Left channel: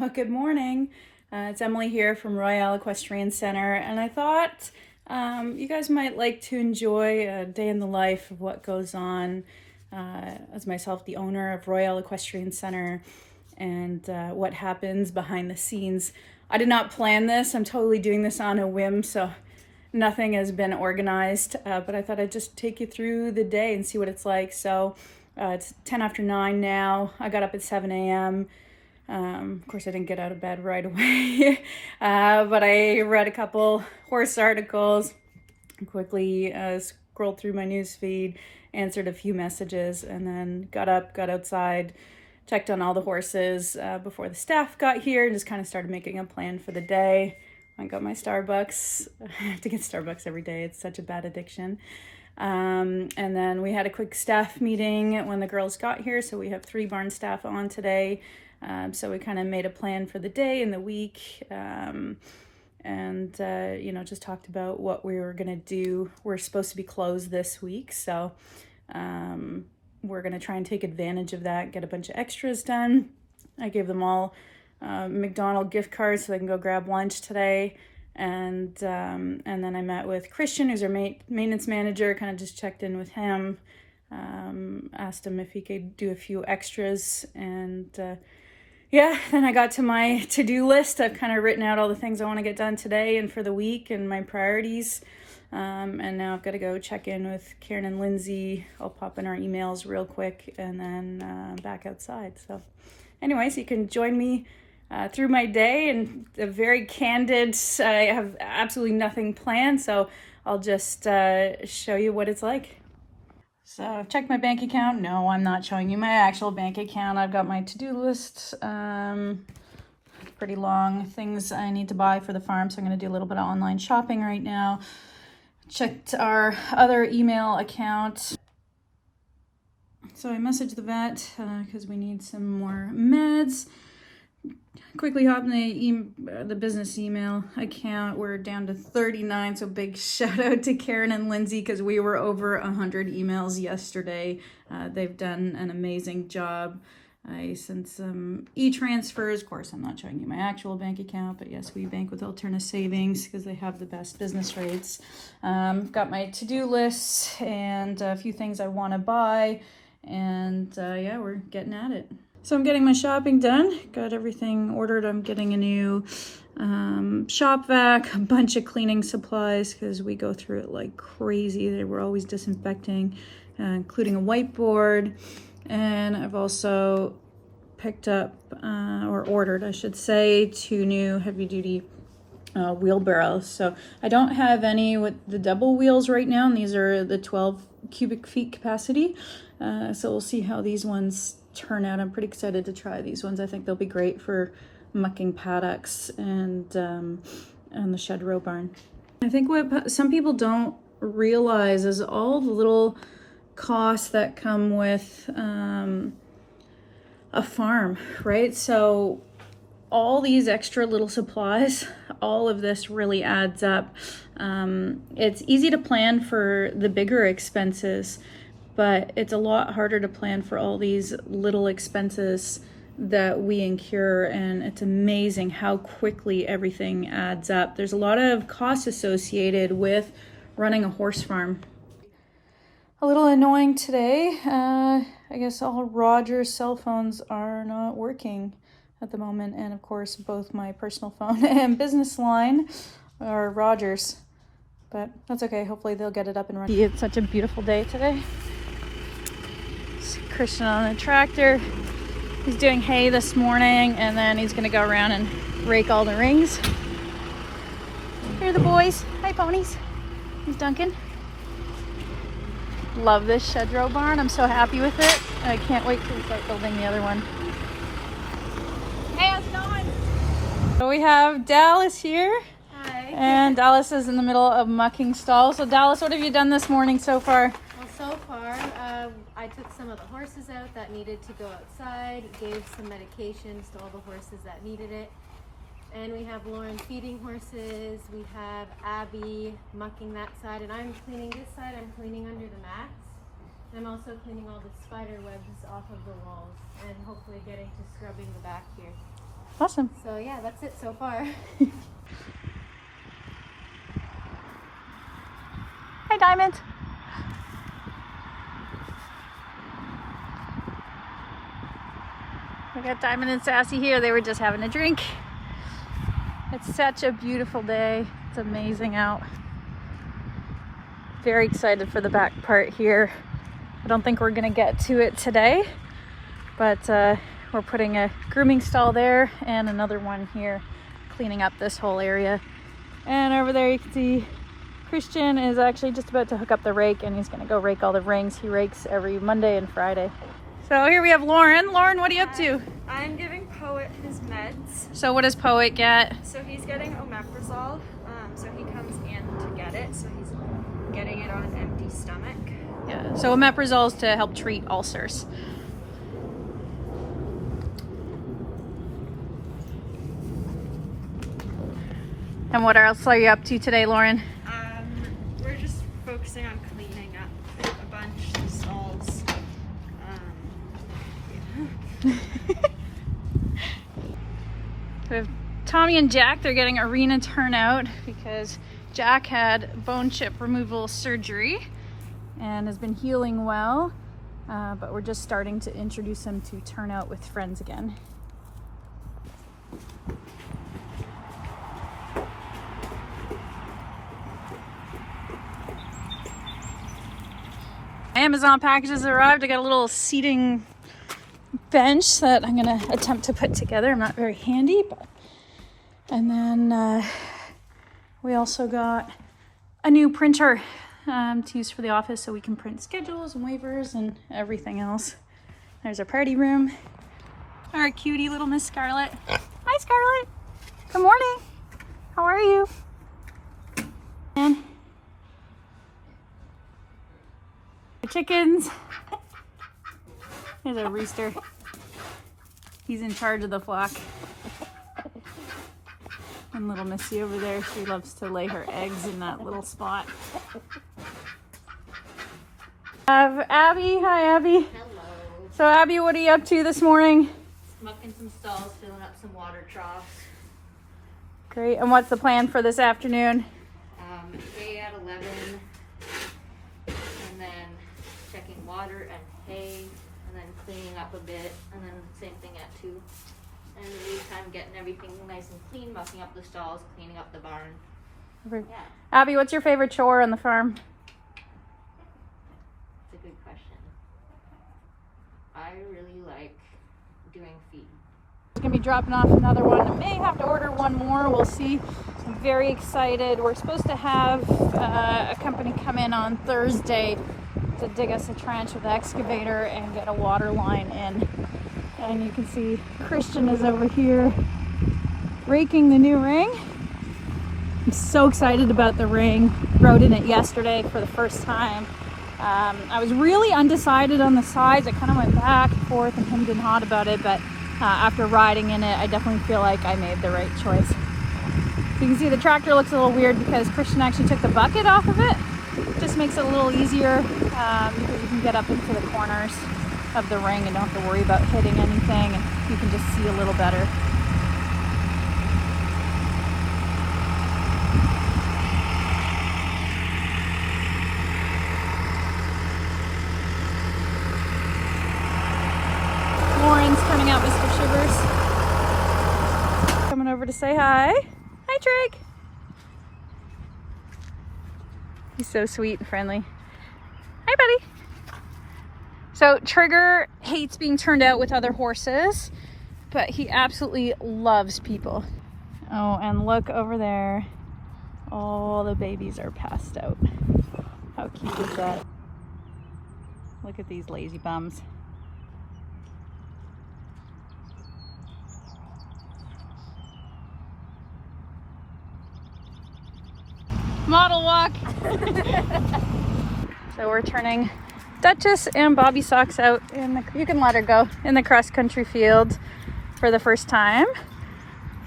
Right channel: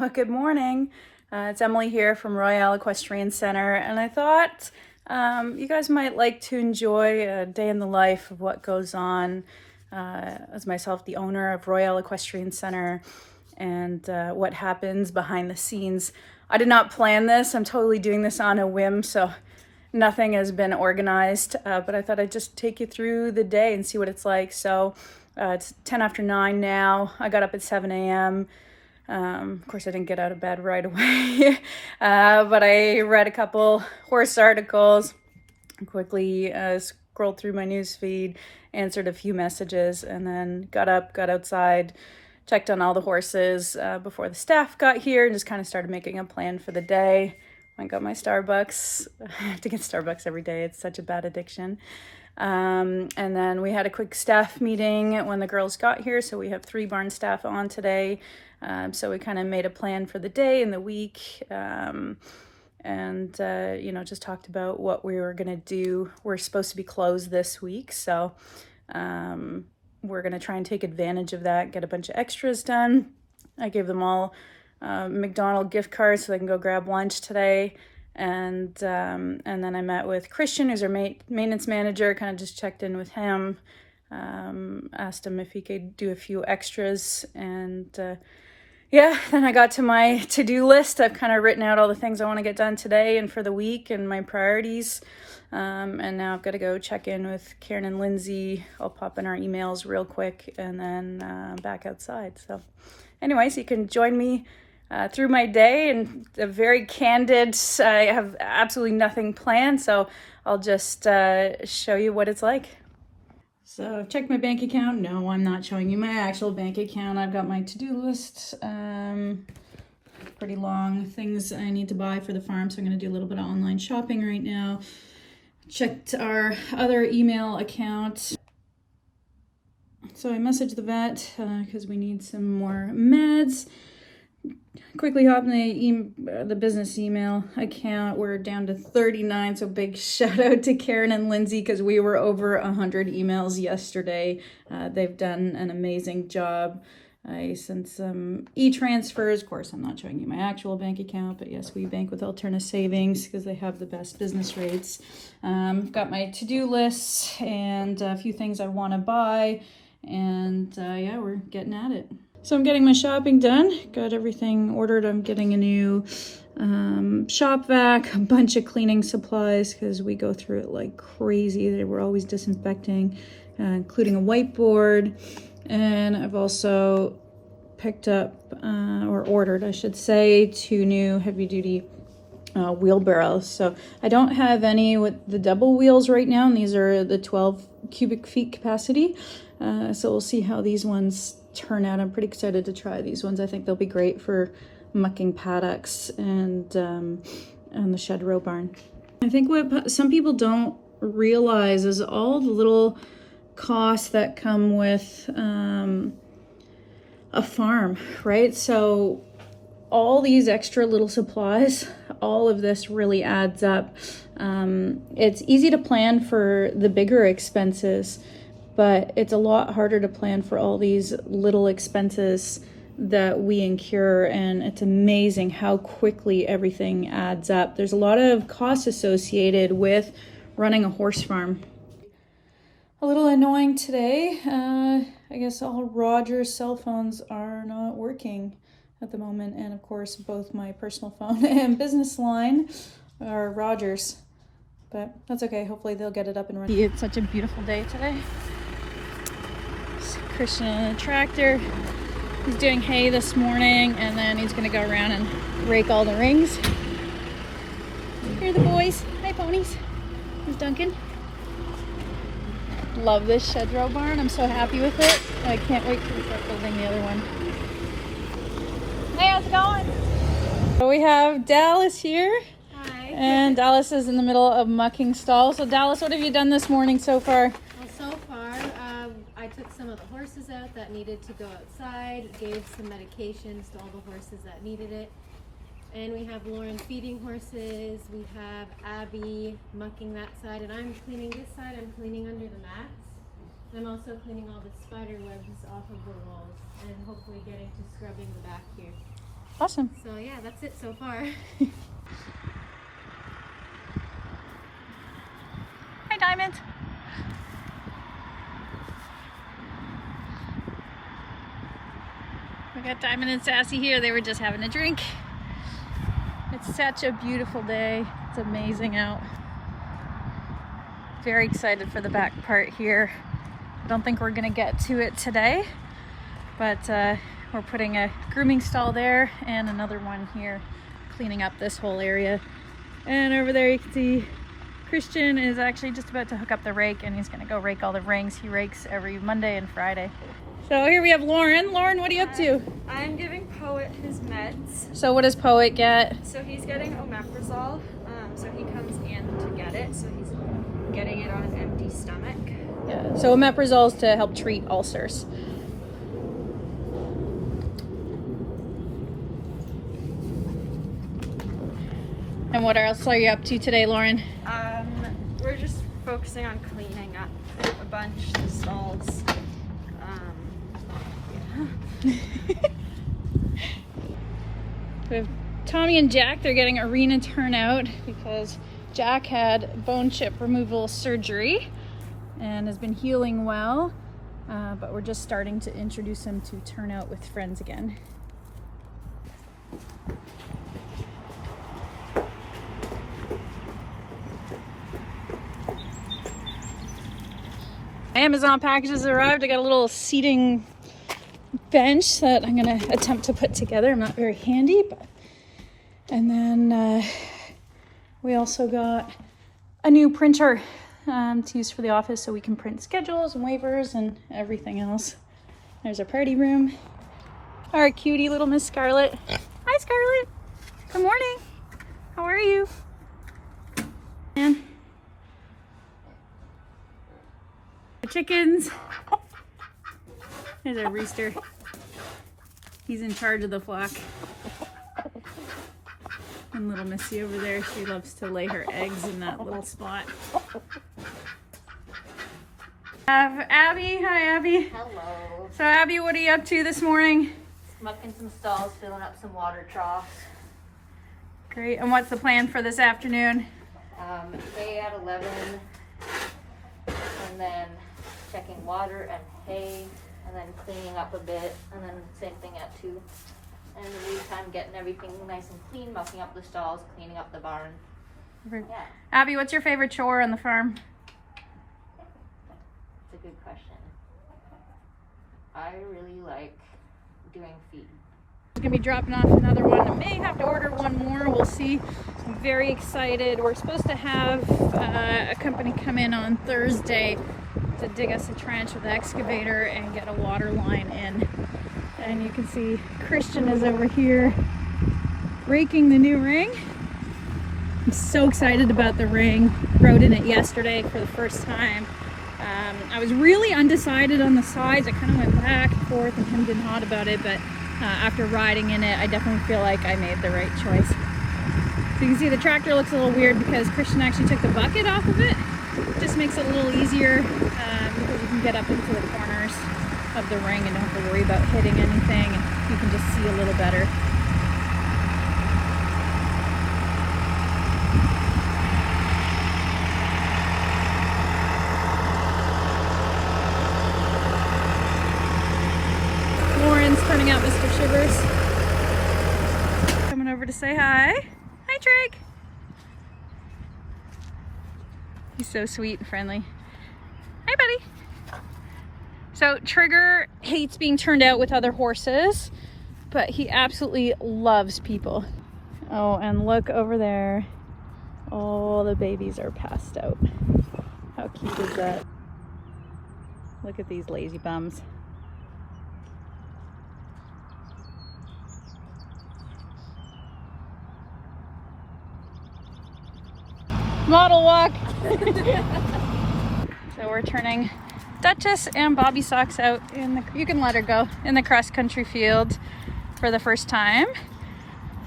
Well, good morning. It's Emily here from Royale Equestrian Center, and I thought you guys might like to enjoy a day in the life of what goes on as myself, the owner of Royale Equestrian Center, and what happens behind the scenes. I did not plan this. I'm totally doing this on a whim, so nothing has been organized, but I thought I'd just take you through the day and see what it's like. So it's 10 after 9 now. I got up at 7 a.m. Of course, I didn't get out of bed right away, but I read a couple horse articles, quickly scrolled through my news feed, answered a few messages, and then got up, got outside, checked on all the horses before the staff got here, and just kind of started making a plan for the day. I got my Starbucks. I have to get Starbucks every day. It's such a bad addiction. And then we had a quick staff meeting when the girls got here, so we have 3 barn staff on today. So we kind of made a plan for the day and the week, just talked about what we were going to do. We're supposed to be closed this week, so we're going to try and take advantage of that, get a bunch of extras done. I gave them all McDonald's gift cards so they can go grab lunch today. And then I met with Christian, who's our maintenance manager, kind of just checked in with him, asked him if he could do a few extras, and then I got to my to-do list. I've kind of written out all the things I want to get done today and for the week and my priorities. And now I've got to go check in with Karen and Lindsay. I'll pop in our emails real quick and then back outside. So anyways, you can join me through my day, and a very candid. I have absolutely nothing planned, so I'll just show you what it's like. So I've checked my bank account. No, I'm not showing you my actual bank account. I've got my to-do list, pretty long, things I need to buy for the farm. So I'm going to do a little bit of online shopping right now. Checked our other email account. So I messaged the vet because we need some more meds. Quickly hop in the business email account. We're down to 39, so big shout out to Karen and Lindsay because we were over 100 emails yesterday. They've done an amazing job. I sent some e-transfers. Of course, I'm not showing you my actual bank account, but yes, we bank with Alterna Savings because they have the best business rates. I've got my to-do lists and a few things I want to buy, and we're getting at it. So I'm getting my shopping done, got everything ordered. I'm getting a new shop vac, a bunch of cleaning supplies because we go through it like crazy. They were always disinfecting, including a whiteboard. And I've also picked up, or ordered, I should say, 2 new heavy-duty wheelbarrows. So I don't have any with the double wheels right now, and these are the 12 cubic feet capacity. So we'll see how these ones turn out. I'm pretty excited to try these ones. I think they'll be great for mucking paddocks and the shed row barn. I think what some people don't realize is all the little costs that come with a farm, right? So all these extra little supplies, all of this really adds up. It's easy to plan for the bigger expenses, but it's a lot harder to plan for all these little expenses that we incur, and it's amazing how quickly everything adds up. There's a lot of costs associated with running a horse farm. A little annoying today. I guess all Roger's cell phones are not working at the moment, and of course both my personal phone and business line are Roger's, but that's okay. Hopefully they'll get it up and running. It's such a beautiful day today. Christian on the tractor. He's doing hay this morning, and then he's gonna go around and rake all the rings. Here are the boys. Hi, ponies. Here's Duncan. Love this shed row barn. I'm so happy with it. I can't wait to start building the other one. Hey, how's it going? So we have Dallas here. Hi. And Dallas is in the middle of mucking stalls. So Dallas, what have you done this morning so far? Well, so far, I took some of the horses out that needed to go outside, gave some medications to all the horses that needed it. And we have Lauren feeding horses, we have Abby mucking that side, and I'm cleaning this side. I'm cleaning under the mats. I'm also cleaning all the spider webs off of the walls and hopefully getting to scrubbing the back here. Awesome. So yeah, that's it so far. Hi, Diamond. We got Diamond and Sassy here. They were just having a drink. It's such a beautiful day. It's amazing out. Very excited for the back part here. I don't think we're gonna get to it today, but we're putting a grooming stall there and another one here, cleaning up this whole area. And over there you can see Christian is actually just about to hook up the rake, and he's gonna go rake all the rings. He rakes every Monday and Friday. So here we have Lauren. Lauren, what are you up to? I'm giving Poet his meds. So what does Poet get? So he's getting omeprazole. So he comes in to get it. So he's getting it on an empty stomach. Yeah. So omeprazole is to help treat ulcers. And what else are you up to today, Lauren? We're just focusing on cleaning up a bunch of stalls. We have Tommy and Jack. They're getting arena turnout because Jack had bone chip removal surgery and has been healing well, but we're just starting to introduce him to turnout with friends again. Amazon packages arrived. I got a little seating bench that I'm gonna attempt to put together. I'm not very handy, but and then we also got a new printer to use for the office so we can print schedules and waivers and everything else. There's our party room. All right, cutie little Miss Scarlett. Hi, Scarlett. Good morning. How are you? And the chickens. There's our rooster. He's in charge of the flock. And little Missy over there, she loves to lay her eggs in that little spot. Have Abby. Hi, Abby. Hello. So, Abby, what are you up to this morning? Mucking some stalls, filling up some water troughs. Great. And what's the plan for this afternoon? Hay at 11, and then checking water and hay, and then cleaning up a bit, and then same thing at 2. And in the meantime, getting everything nice and clean, mucking up the stalls, cleaning up the barn. Yeah, Abby, what's your favorite chore on the farm? it's a good question. I really like doing feed. Gonna be dropping off another one. I may have to order one more. We'll see. I'm very excited. We're supposed to have a company come in on Thursday to dig us a trench with the excavator and get a water line in. And you can see Christian is over here raking the new ring. I'm so excited about the ring. Rode in it yesterday for the first time. I was really undecided on the size. I kind of went back and forth and hemmed and hawed about it, but after riding in it, I definitely feel like I made the right choice. So you can see the tractor looks a little weird because Christian actually took the bucket off of it. Just makes it a little easier because you can get up into the corners of the ring and don't have to worry about hitting anything, and you can just see a little better. Lauren's turning out Mr. Shivers. Coming over to say hi. Hi, Drake. He's so sweet and friendly. Hi, buddy. So Trigger hates being turned out with other horses, but he absolutely loves people. Oh, and look over there. All the babies are passed out. How cute is that? Look at these lazy bums. Model walk. So we're turning Duchess and Bobby Socks out in the, you can let her go, in the cross country field for the first time.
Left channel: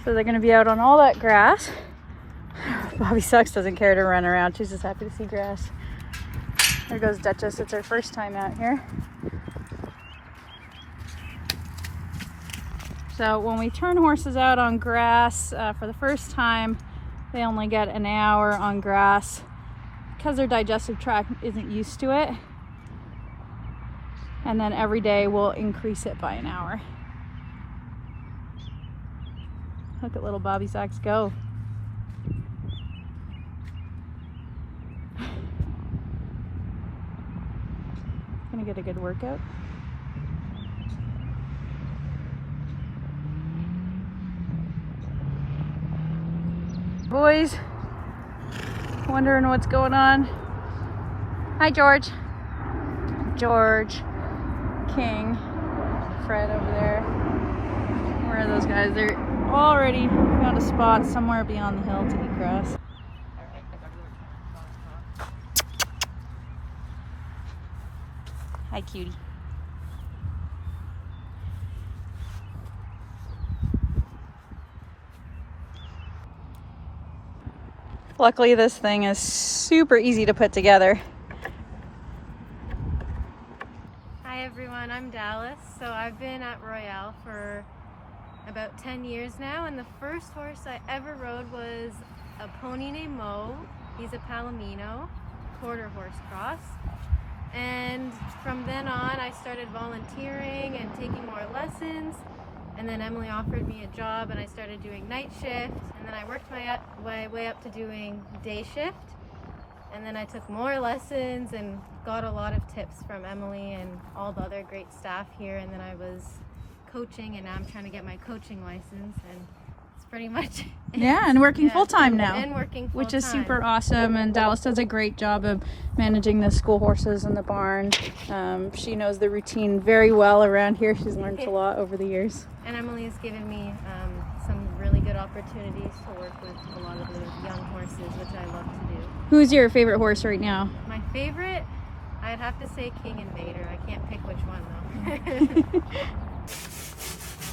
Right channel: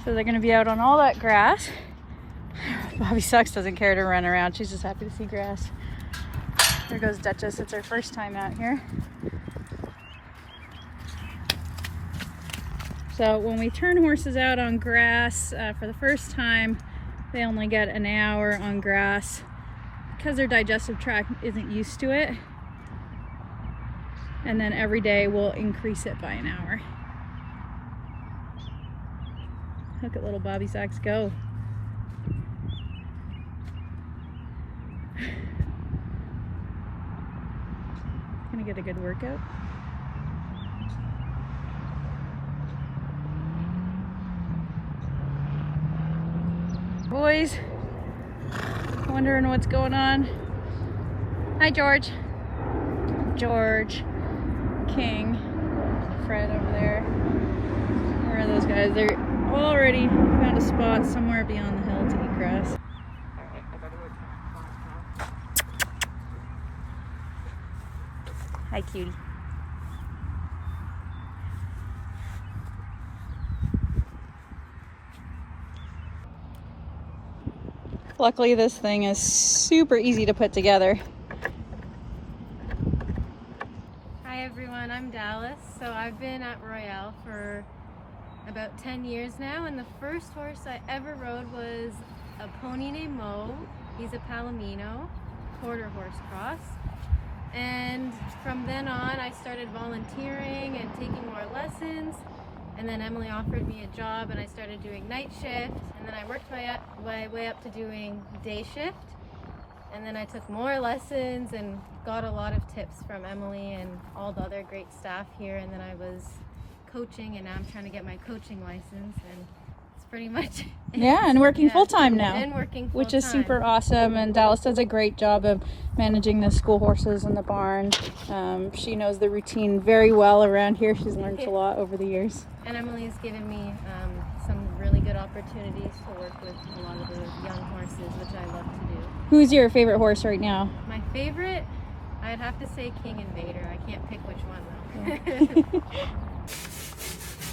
So they're gonna be out on all that grass. Bobby Socks doesn't care to run around. She's just happy to see grass. There goes Duchess. It's her first time out here. So when we turn horses out on grass for the first time, they only get an hour on grass because their digestive tract isn't used to it. And then every day we'll increase it by an hour. Look at little Bobby Sacks go. Gonna get a good workout. Boys, wondering what's going on. Hi, George. George, King, Fred over there. Where are those guys? They're already found a spot somewhere beyond the hill to eat grass. Hi, cutie. Luckily, this thing is super easy to put together. Hi everyone, I'm Dallas. So I've been at Royale for about 10 years now, and the first horse I ever rode was a pony named Mo. He's a Palomino, quarter horse cross. And from then on, I started volunteering and taking more lessons. And then Emily offered me a job and I started doing night shift. And then I worked my way up to doing day shift. And then I took more lessons and got a lot of tips from Emily and all the other great staff here. And then I was coaching, and now I'm trying to get my coaching license. And it's pretty much it. Yeah, and working full-time now. And working full-time. Which is super awesome, and Dallas does a great job of managing the school horses in the barn. She knows the routine very well around here. She's learned a lot over the years. And Emily has given me some really good opportunities to work with a lot of the young horses, which I love to do. Who's your favorite horse right now? My favorite, I'd have to say King and Vader. I can't pick which one though.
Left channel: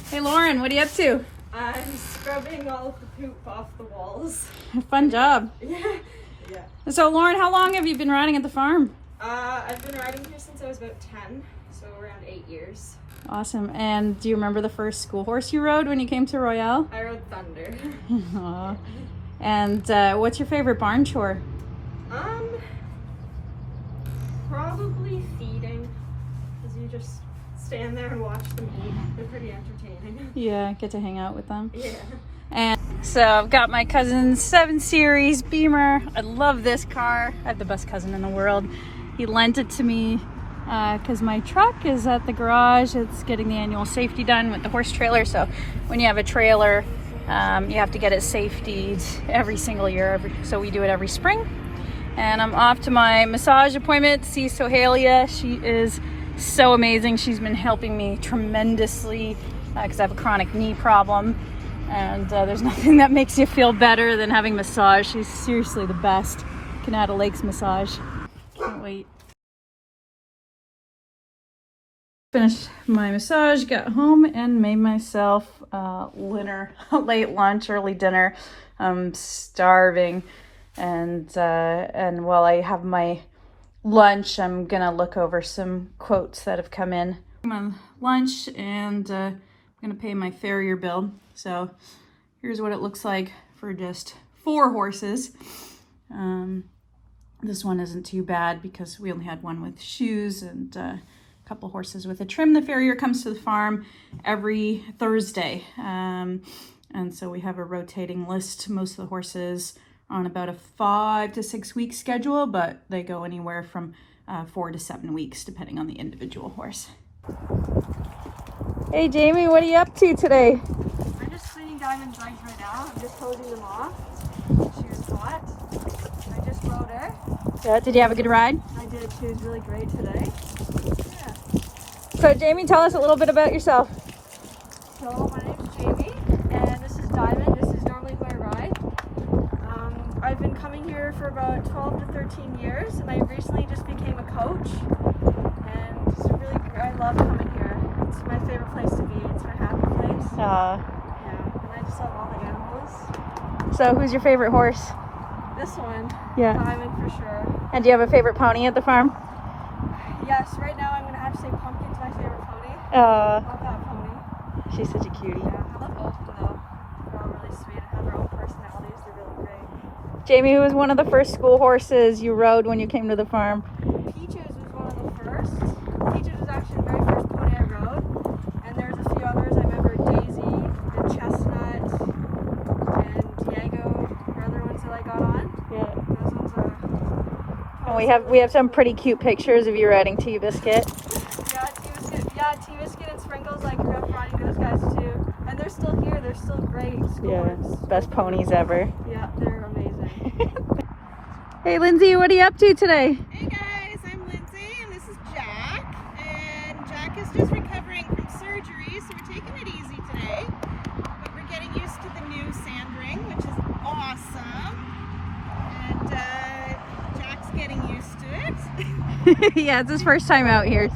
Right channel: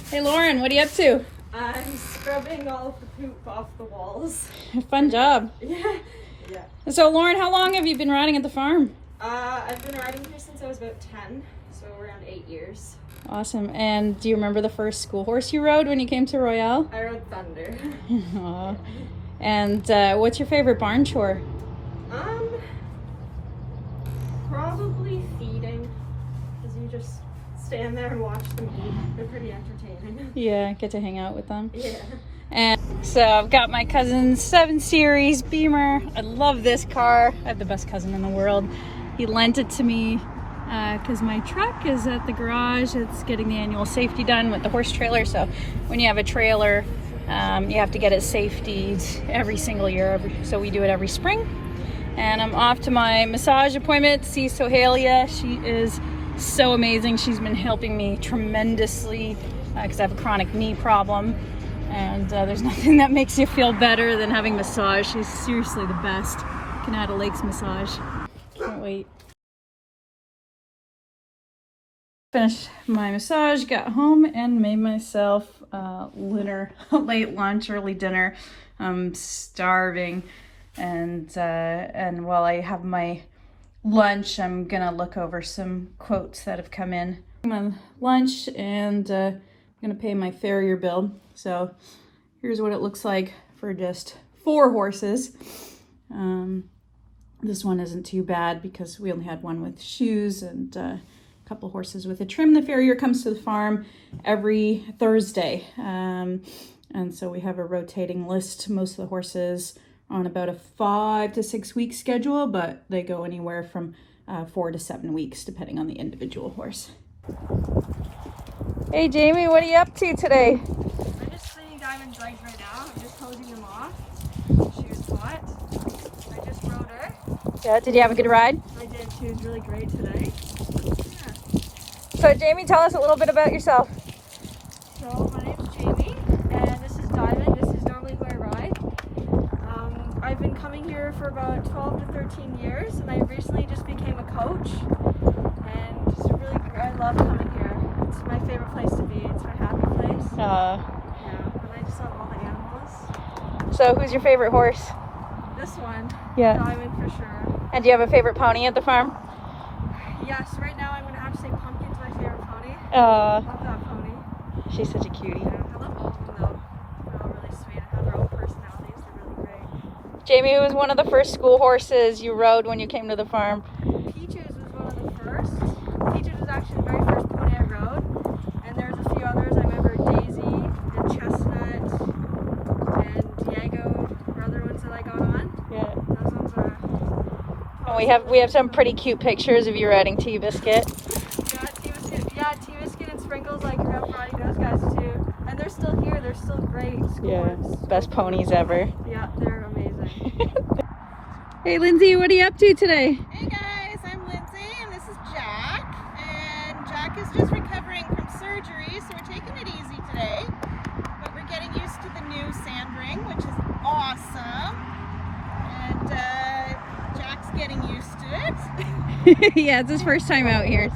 Hey Lauren, what are you up to? I'm scrubbing all of the poop off the walls. Fun job. Yeah. So Lauren, how long have you been riding at the farm? I've been riding here since I was about 10, so around 8 years. Awesome. And do you remember the first school horse you rode when you came to Royale? I rode Thunder. Aww. And what's your favorite barn chore? Probably feeding, because you just stand there and watch them eat. They're pretty entertaining. Yeah, get to hang out with them. Yeah. And so I've got my cousin's 7 Series Beamer. I love this car. I have the best cousin in the world. He lent it to me because my truck is at the garage. It's getting the annual safety done with the horse trailer. So when you have a trailer, you have to get it safetied every single year. So we do it every spring. And I'm off to my massage appointment to see Sohalia. She is so amazing. She's been helping me tremendously because I have a chronic knee problem. And there's nothing that makes you feel better than having massage. She's seriously the best. Canada Lakes massage. Can't wait. Finished my massage, got home, and made myself dinner, late lunch, early dinner. I'm starving, and while I have my lunch, I'm gonna look over some quotes that have come in. My lunch, and I'm gonna pay my farrier bill. So here's what it looks like for just 4 horses. This one isn't too bad because we only had one with shoes and a couple horses with a trim. The farrier comes to the farm every Thursday. And so we have a rotating list. Most of the horses are on about a 5 to 6 week schedule, but they go anywhere from 4 to 7 weeks depending on the individual horse. Hey Jamie, what are you up to today? I'm just cleaning Diamond's legs right now. I'm just holding them off. She was hot. I just rode her. Yeah, did you have a good ride? I did. She was really great today. Yeah. So Jamie, tell us a little bit about yourself. So my name's Jamie, and this is Diamond. This is normally who I ride. I've been coming here for about 12 to 13 years, and I recently just became a coach. And just really, I love coming here. It's my favorite place to be. It's my happy place. Yeah, and I just love all the animals. So who's your favorite horse? This one, Yeah. Diamond for sure. And do you have a favorite pony at the farm? Yes, right now I'm gonna have to say Pumpkin's my favorite pony. I love that pony. She's such a cutie. Yeah, I love both of them though. They're all really sweet and have their own personalities. They're really great. Jamie, who was one of the first school horses you rode when you came to the farm? Peaches was one of the first. Peaches was actually the very first pony I rode. And there's a few others. I remember Daisy and Chestnut and Diego are other ones that I got on. Yeah. Those ones are... We have some pretty cute pictures of you riding T-Biscuit. Yeah, T-Biscuit and Sprinkles, I grew up riding those guys too. And they're still here, they're still great scores. Best ponies ever. Yeah, they're amazing. Hey Lindsay, what are you up to today? Hey guys, I'm Lindsay and this is Jack. And Jack is just recovering from surgery, so we're taking it easy today. But we're getting used to the new sand ring, which is awesome. And Jack's getting used to it. Yeah, it's his first time out here.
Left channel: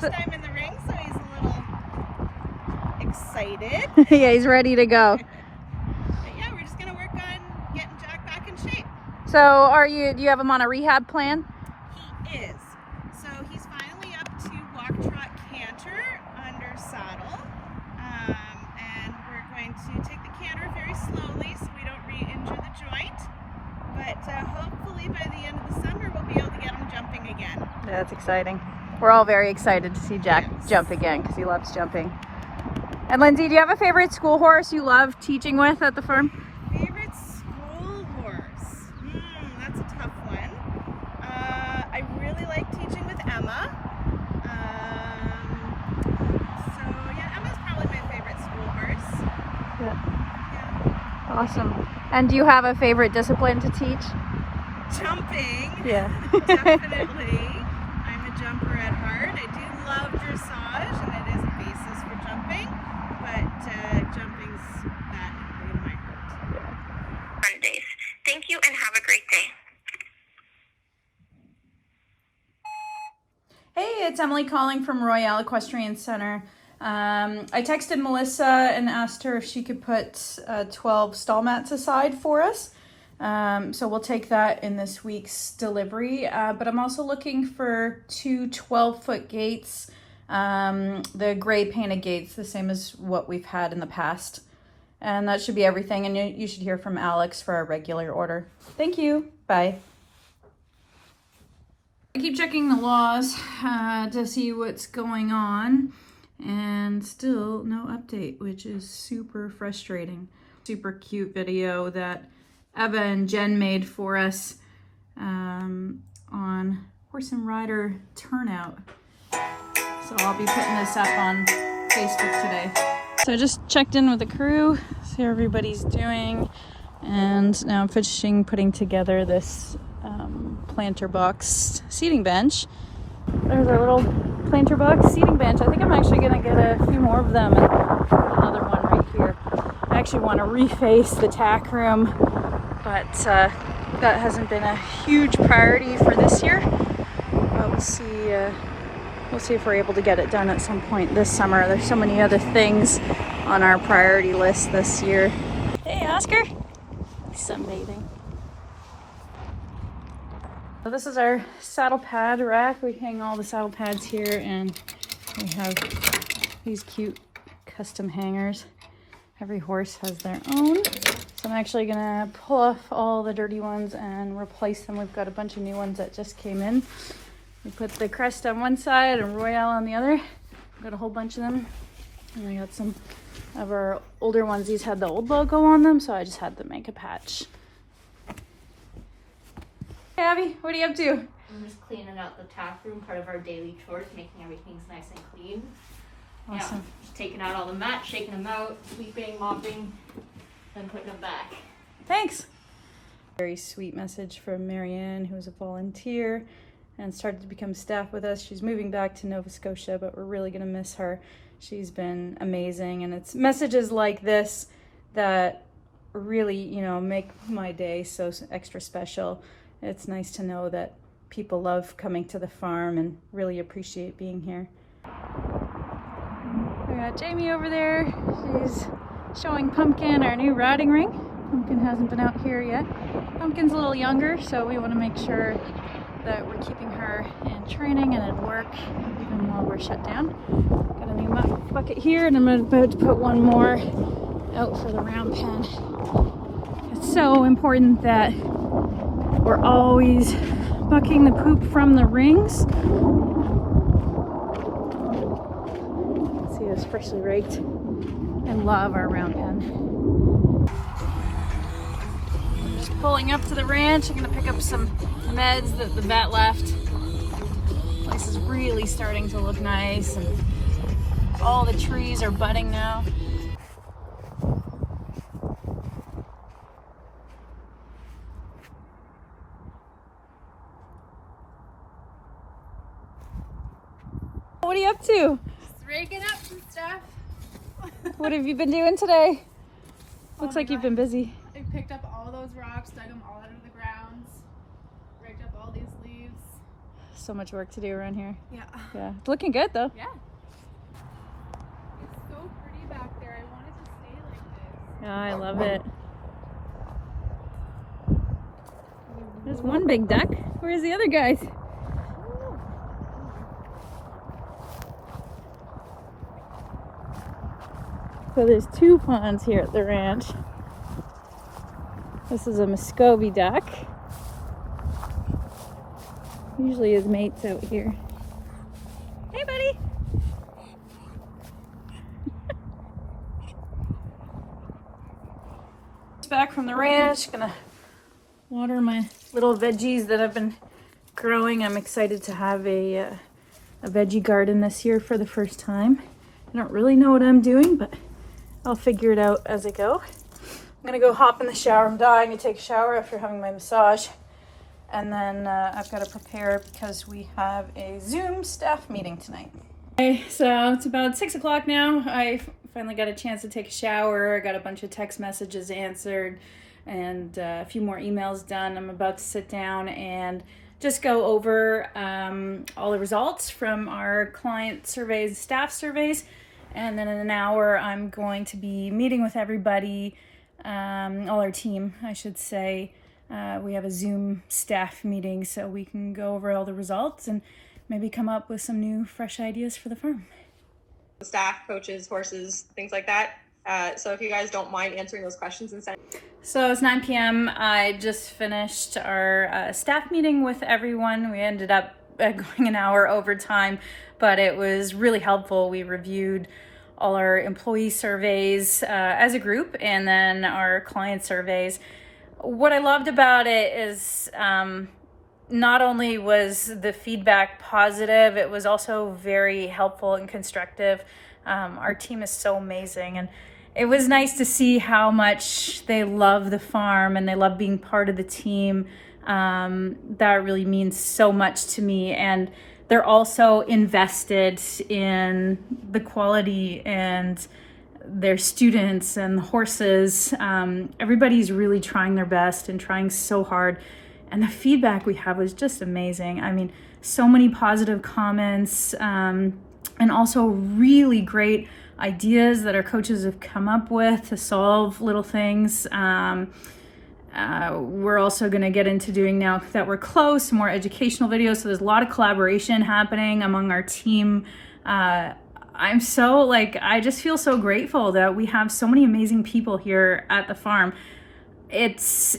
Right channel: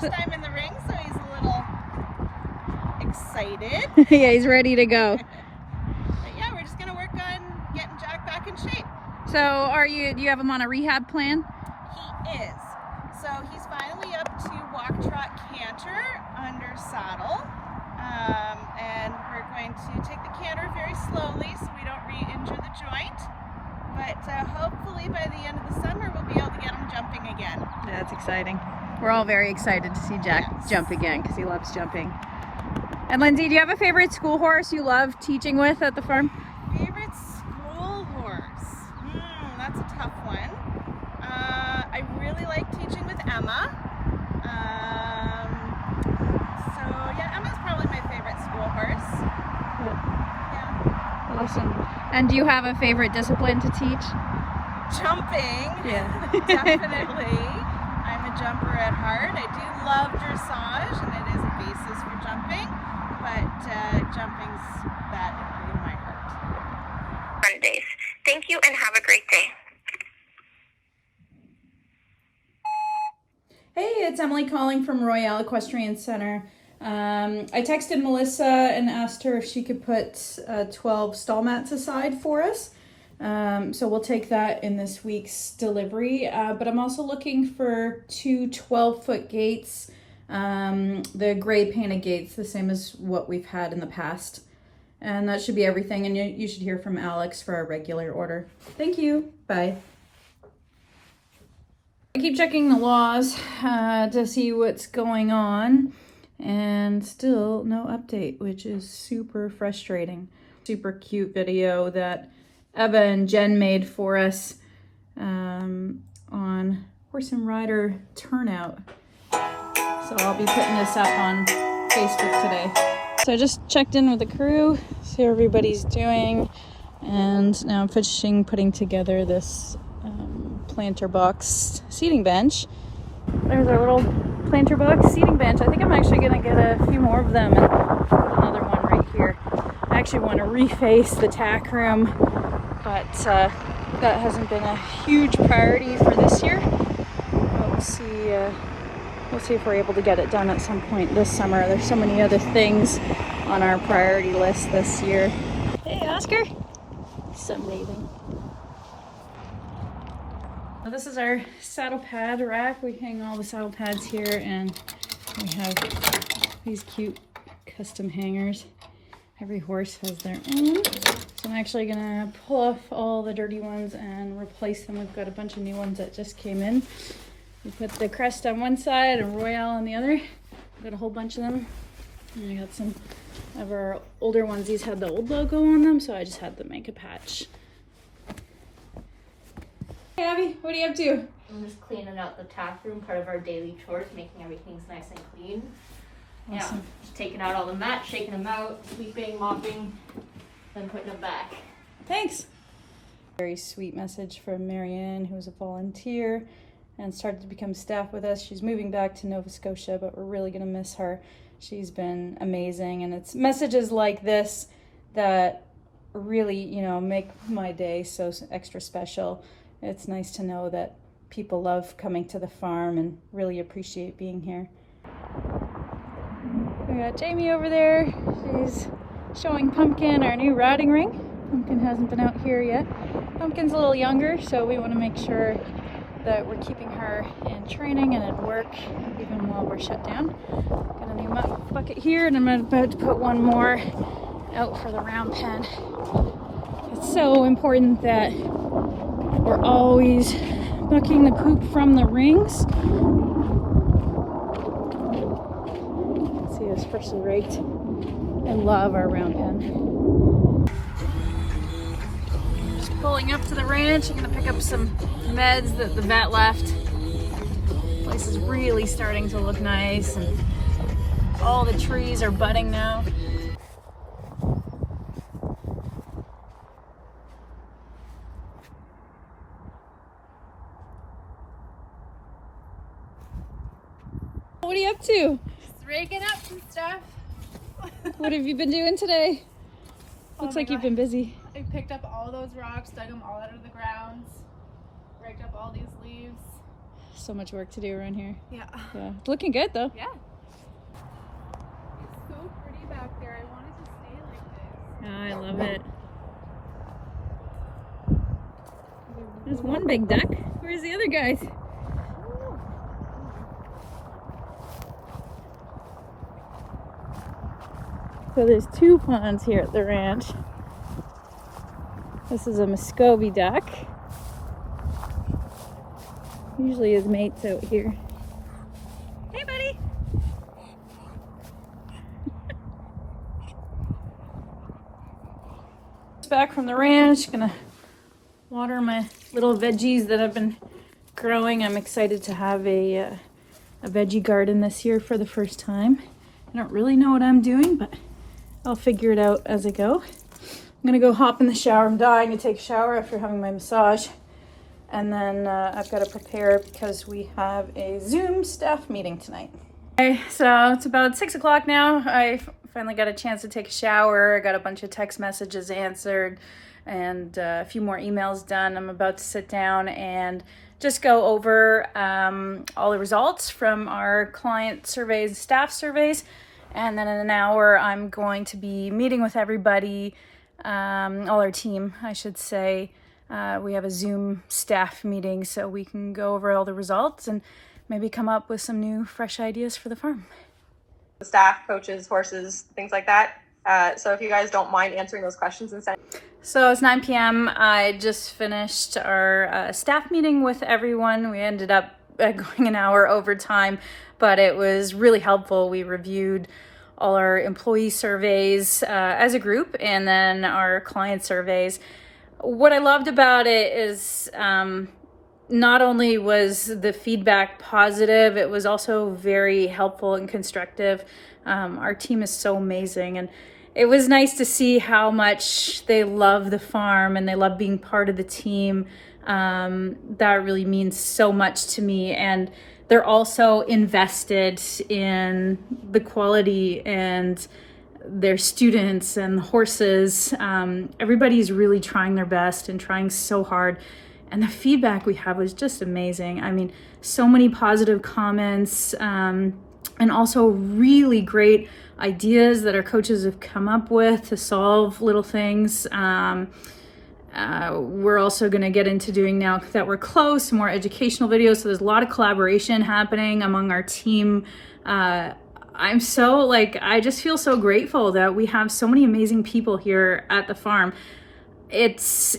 First time in the ring, so he's a little excited. Yeah, he's ready to go. But yeah, we're just gonna work on getting Jack back in shape. So do you have him on a rehab plan? He is. So he's finally up to walk, trot, canter under saddle. And we're going to take the canter very slowly so we don't re-injure the joint. But hopefully by the end of the summer we'll be able to get him jumping again. Yeah, that's exciting. We're all very excited to see Jack Yes. jump again because he loves jumping. And Lindsay, do you have a favorite school horse you love teaching with at the farm? Favorite school horse? That's a tough one. I really like teaching with Emma. So yeah, Emma's probably my favorite school horse. Yeah. Awesome. And do you have a favorite discipline to teach? Jumping. Yeah. Definitely. I'm a jumper at heart. I do love dressage and it is a basis for jumping, but jumping's that in my heart. Mondays. Thank you and have a great day. Hey, it's Emily calling from Royale Equestrian Center. I texted Melissa and asked her if she could put 12 stall mats aside for us. So we'll take that in this week's delivery. But I'm also looking for 2 12-foot gates, the gray painted gates, the same as what we've had in the past. And that should be everything. And you should hear from Alex for our regular order. Thank you. Bye. I keep checking the laws to see what's going on. And still no update, which is super frustrating. Super cute video that Eva and Jen made for us on horse and rider turnout. So I'll be putting this up on Facebook today. So I just checked in with the crew, see how everybody's doing, and now I'm finishing putting together this planter box seating bench. There's our little planter box seating bench. I think I'm actually gonna get a few more of them and put another one right here. I actually want to reface the tack room, but that hasn't been a huge priority for this year. But we'll see if we're able to get it done at some point this summer. There's so many other things on our priority list this year. Hey Oscar, sunbathing. So this is our saddle pad rack. We hang all the saddle pads here, and we have these cute custom hangers. Every horse has their own. So I'm actually gonna pull off all the dirty ones and replace them. We've got a bunch of new ones that just came in. We put the crest on one side and Royale on the other. Got a whole bunch of them. And I got some of our older ones. These had the old logo on them, so I just had to make a patch. Hey Abby, what are you up to? I'm just cleaning out the tack room, part of our daily chores, making everything nice and clean. Awesome. Yeah, just taking out all the mats, shaking them out, sweeping, mopping, then putting them back. Thanks. Very sweet message from Marianne, who is a volunteer and started to become staff with us. She's moving back to Nova Scotia, but we're really gonna miss her. She's been amazing, and it's messages like this that really, you know, make my day so extra special. It's nice to know that people love coming to the farm and really appreciate being here. We got Jamie over there. She's showing Pumpkin our new riding ring. Pumpkin hasn't been out here yet. Pumpkin's a little younger, so we want to make sure that we're keeping her in training and at work even while we're shut down. Got a new bucket here, and I'm about to put one more out for the round pen. It's so important that we're always bucking the poop from the rings. See, it was freshly raked. I love our round pen. Just pulling up to the ranch. I'm gonna pick up some meds that the vet left. The place is really starting to look nice, and all the trees are budding now. What are you up to? Just raking up some stuff. What have you been doing today? Oh Looks my like you've God. been busy. I picked up all those rocks, dug them all out of the ground, raked up all these leaves. So much work to do around here. Yeah. Yeah, it's looking good though. Yeah. It's so pretty back there. I want it to stay like this. Yeah, I love it. There's one big duck. Where's the other guys? So there's two ponds here at the ranch. This is a Muscovy duck. Usually his mate's out here. Hey, buddy. Back from the ranch, gonna water my little veggies that I've been growing. I'm excited to have a veggie garden this year for the first time. I don't really know what I'm doing, but I'll figure it out as I go. I'm gonna go hop in the shower. I'm dying to take a shower after having my massage. And then I've got to prepare because we have a Zoom staff meeting tonight. Okay, so it's about 6 o'clock now. I finally got a chance to take a shower. I got a bunch of text messages answered and a few more emails done. I'm about to sit down and just go over all the results from our client surveys, staff surveys. And then in an hour, I'm going to be meeting with everybody, all our team, I should say. We have a Zoom staff meeting so we can go over all the results and maybe come up with some new, fresh ideas for the farm. Staff, coaches, horses, things like that. So if you guys don't mind answering those questions and sending. So it's 9 p.m. I just finished our staff meeting with everyone. We ended up going an hour over time, but it was really helpful. We reviewed all our employee surveys as a group and then our client surveys. What I loved about it is not only was the feedback positive, it was also very helpful and constructive. Our team is so amazing, and it was nice to see how much they love the farm and they love being part of the team. That really means so much to me, and they're also invested in the quality and their students and the horses. Everybody's really trying their best and trying so hard, and the feedback we have was just amazing. I mean, so many positive comments, and also really great ideas that our coaches have come up with to solve little things. We're also going to get into doing, now that we're close, more educational videos. So there's a lot of collaboration happening among our team. I'm so I just feel so grateful that we have so many amazing people here at the farm. It's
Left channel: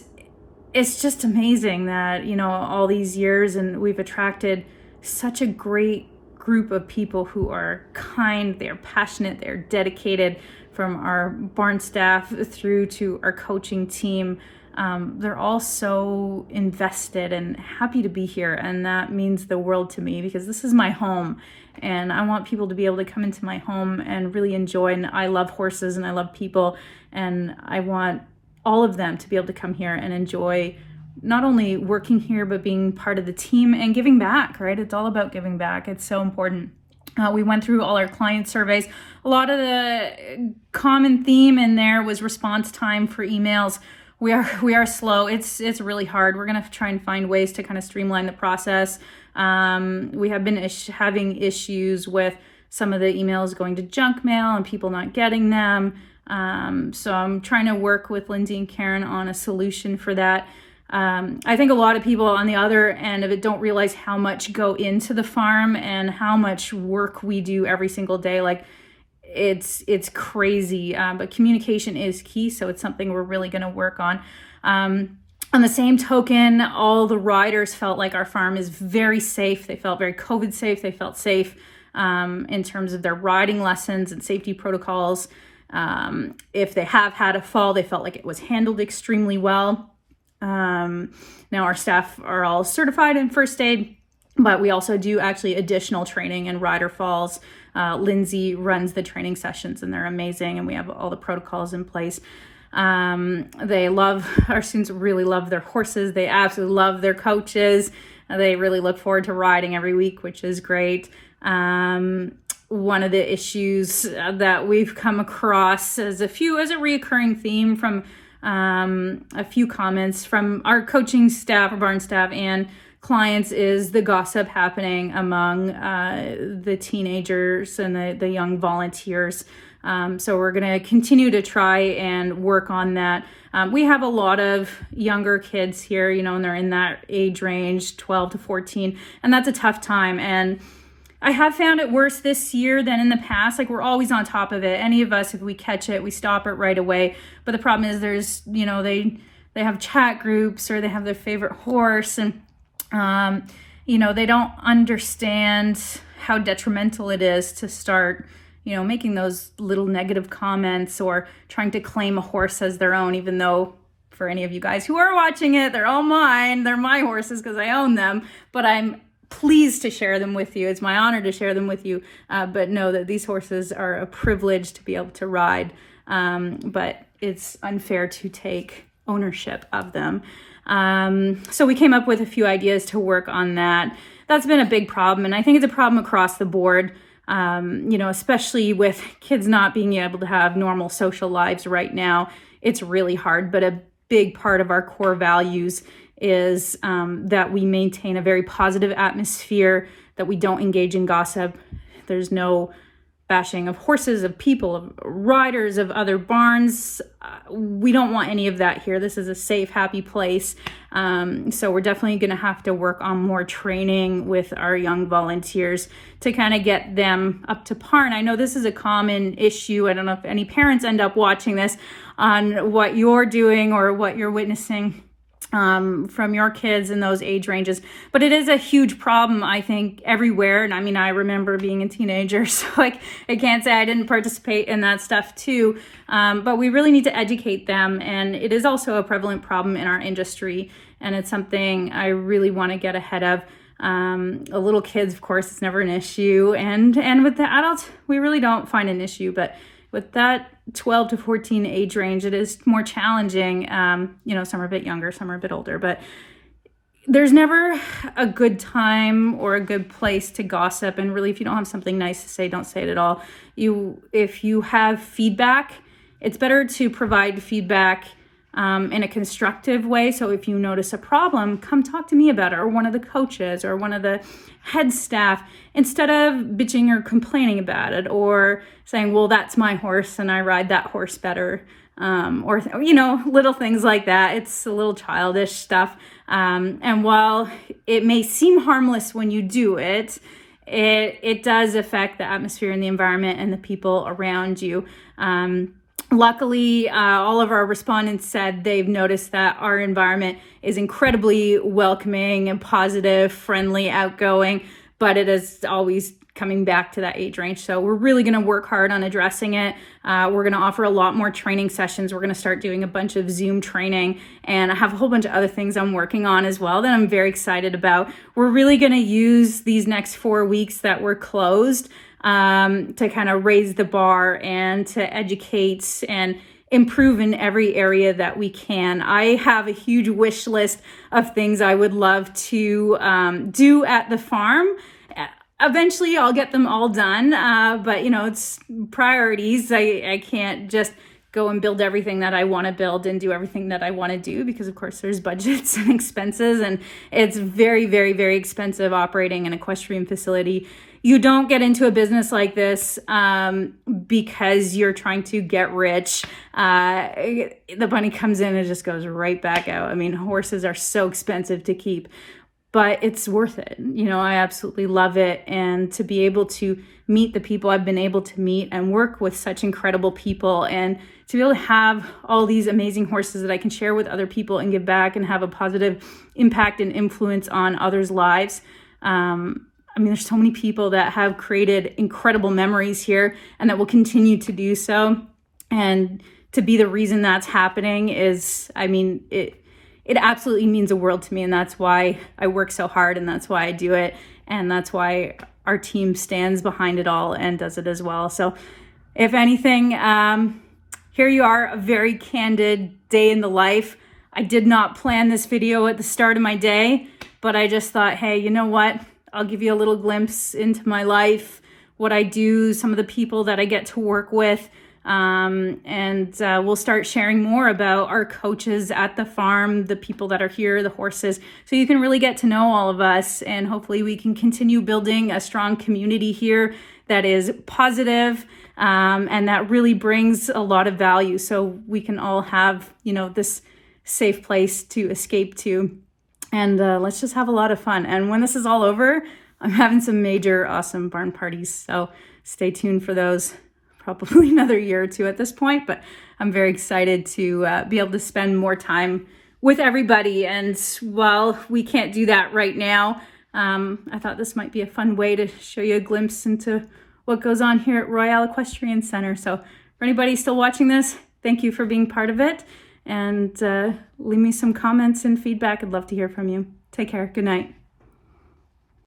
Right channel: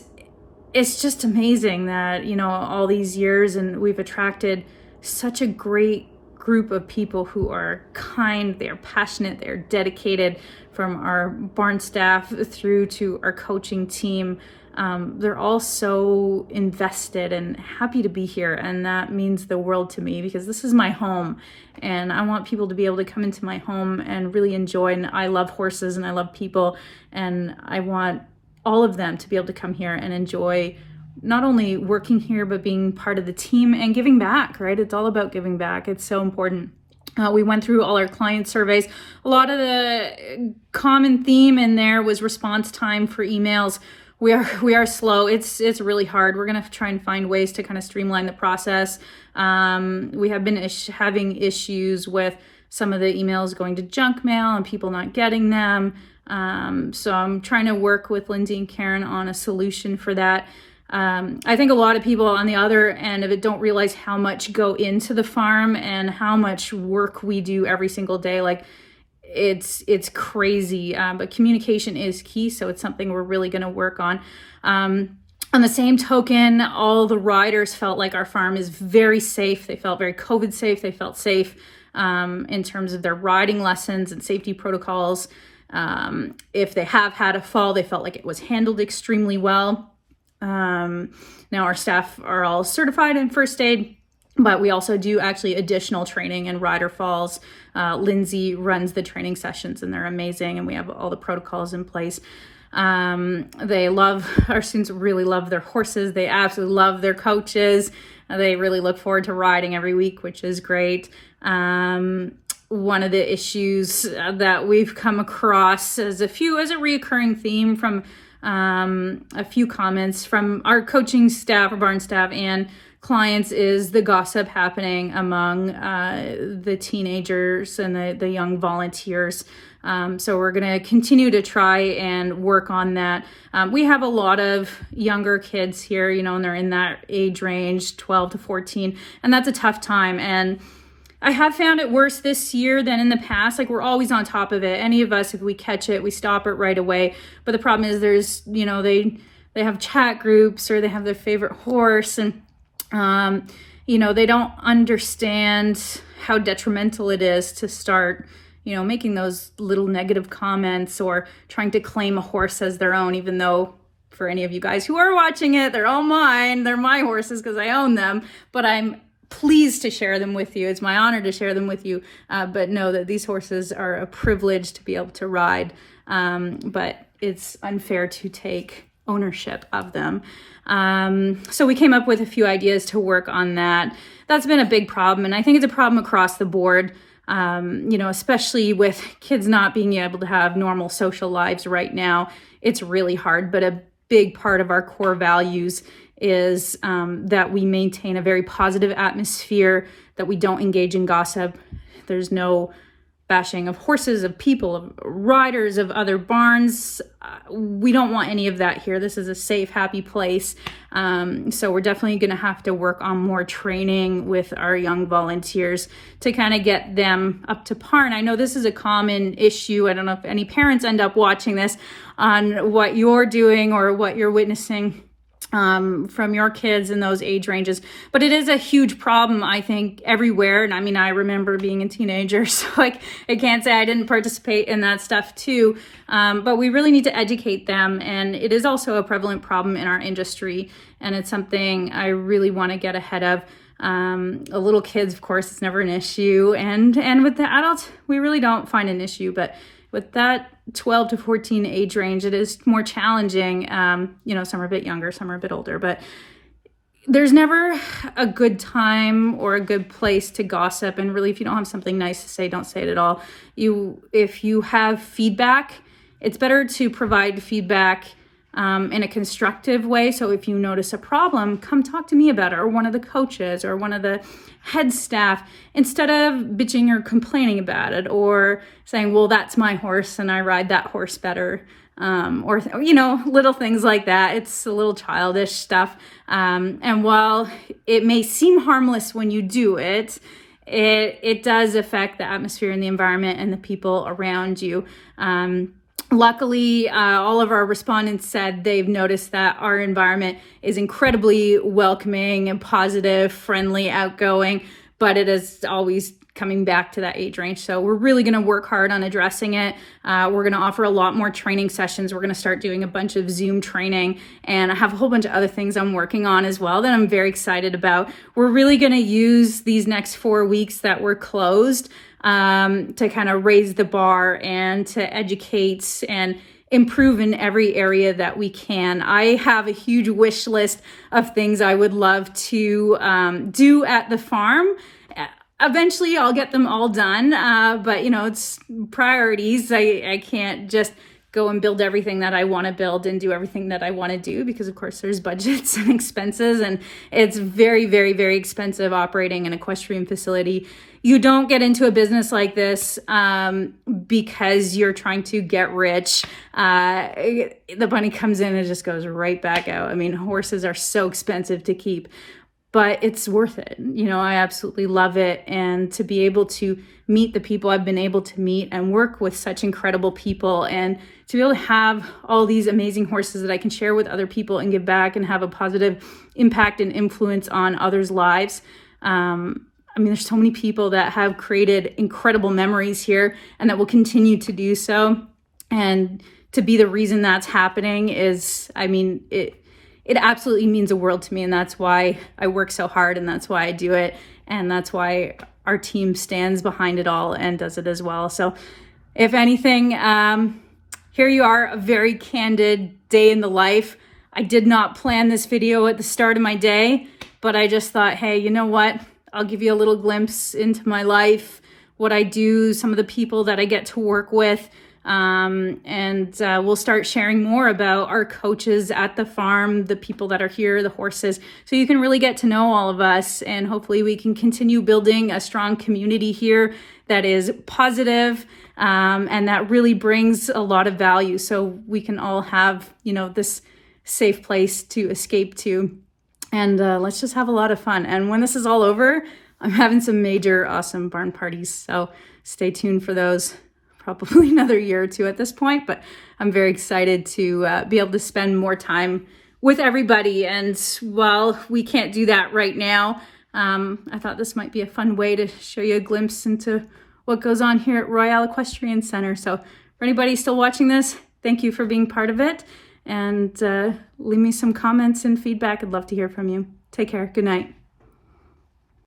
just amazing that, you know, all these years, and we've attracted such a great group of people who are kind, they're passionate, they're dedicated, from our barn staff through to our coaching team. They're all so invested and happy to be here, and that means the world to me because this is my home. And I want people to be able to come into my home and really enjoy. And I love horses and I love people. And I want all of them to be able to come here and enjoy not only working here, but being part of the team and giving back, right? It's all about giving back. It's so important. We went through all our client surveys. A lot of the common theme in there was response time for emails. We are slow. It's really hard. We're going to try and find ways to kind of streamline the process. We have been having issues with some of the emails going to junk mail and people not getting them. So I'm trying to work with Lindsay and Karen on a solution for that. I think a lot of people on the other end of it don't realize how much go into the farm and how much work we do every single day. Like it's crazy, but communication is key. So it's something we're really going to work on. On the same token, all the riders felt like our farm is very safe. They felt very COVID safe. They felt safe in terms of their riding lessons and safety protocols. If they have had a fall, they felt like it was handled extremely well. Now our staff are all certified in first aid, but we also do actually additional training in rider falls. Lindsay runs the training sessions and they're amazing, and we have all the protocols in place. Our students really love their horses. They absolutely love their coaches. They really look forward to riding every week, which is great. One of the issues that we've come across as a reoccurring theme from a few comments from our coaching staff, our barn staff, and clients is the gossip happening among the teenagers and the young volunteers. So we're going to continue to try and work on that. We have a lot of younger kids here, and they're in that age range, 12 to 14, and that's a tough time. And I have found it worse this year than in the past. Like, we're always on top of it. Any of us, if we catch it, we stop it right away. But the problem is there's, they have chat groups or they have their favorite horse, and, they don't understand how detrimental it is to start making those little negative comments or trying to claim a horse as their own, even though for any of you guys who are watching it, they're all mine. They're my horses because I own them, but I'm pleased to share them with you. It's my honor to share them with you, but know that these horses are a privilege to be able to ride, but it's unfair to take ownership of them. So we came up with a few ideas to work on that. That's been a big problem, and I think it's a problem across the board. Especially with kids not being able to have normal social lives right now, it's really hard. But a big part of our core values is that we maintain a very positive atmosphere, that we don't engage in gossip. There's no bashing of horses, of people, of riders, of other barns. We don't want any of that here. This is a safe, happy place. So we're definitely going to have to work on more training with our young volunteers to kind of get them up to par. And I know this is a common issue. I don't know if any parents end up watching this on what you're doing or what you're witnessing from your kids in those age ranges, but it is a huge problem, I think, everywhere. And I mean, I remember being a teenager, so I can't say I didn't participate in that stuff too, but we really need to educate them. And it is also a prevalent problem in our industry, and it's something I really want to get ahead of. Little kids, of course, it's never an issue, and with the adults, we really don't find an issue, but with that 12 to 14 age range, it is more challenging. Some are a bit younger, some are a bit older, but there's never a good time or a good place to gossip. And really, if you don't have something nice to say, don't say it at all. If you have feedback, it's better to provide feedback in a constructive way. So if you notice a problem, come talk to me about it, or one of the coaches or one of the head staff, instead of bitching or complaining about it or saying, well, that's my horse and I ride that horse better, or little things like that. It's a little childish stuff. And while it may seem harmless when you do it, it does affect the atmosphere and the environment and the people around you. Luckily, all of our respondents said they've noticed that our environment is incredibly welcoming and positive, friendly, outgoing, but it is always coming back to that age range. So we're really going to work hard on addressing it. We're going to offer a lot more training sessions. We're going to start doing a bunch of Zoom training, and I have a whole bunch of other things I'm working on as well that I'm very excited about. We're really going to use these next 4 weeks that we're closed to kind of raise the bar and to educate and improve in every area that we can. I have a huge wish list of things I would love to do at the farm. Eventually I'll get them all done, but it's priorities. I can't just go and build everything that I want to build and do everything that I want to do, because of course there's budgets and expenses, and it's very, very, very expensive operating an equestrian facility you don't get into a business like this because you're trying to get rich. The money comes in and just goes right back out. I mean, horses are so expensive to keep, but it's worth it. You know, I absolutely love it. And to be able to meet the people I've been able to meet and work with such incredible people, and to be able to have all these amazing horses that I can share with other people and give back and have a positive impact and influence on others' lives. I mean, there's so many people that have created incredible memories here and that will continue to do so. And to be the reason that's happening is, I mean, it absolutely means the world to me. And that's why I work so hard, and that's why I do it. And that's why our team stands behind it all and does it as well. So if anything, here you are, a very candid day in the life. I did not plan this video at the start of my day, but I just thought, hey, you know what? I'll give you a little glimpse into my life, what I do, some of the people that I get to work with. And we'll start sharing more about our coaches at the farm, the people that are here, the horses, so you can really get to know all of us, and hopefully we can continue building a strong community here that is positive, and that really brings a lot of value, so we can all have, you know, this safe place to escape to. And let's just have a lot of fun. And when this is all over, I'm having some major awesome barn parties. So stay tuned for those. Probably another year or two at this point, but I'm very excited to be able to spend more time with everybody. And while we can't do that right now, I thought this might be a fun way to show you a glimpse into what goes on here at Royale Equestrian Center. So for anybody still watching this, thank you for being part of it. And leave me some comments and feedback. I'd love to hear from you. Take care. Good night.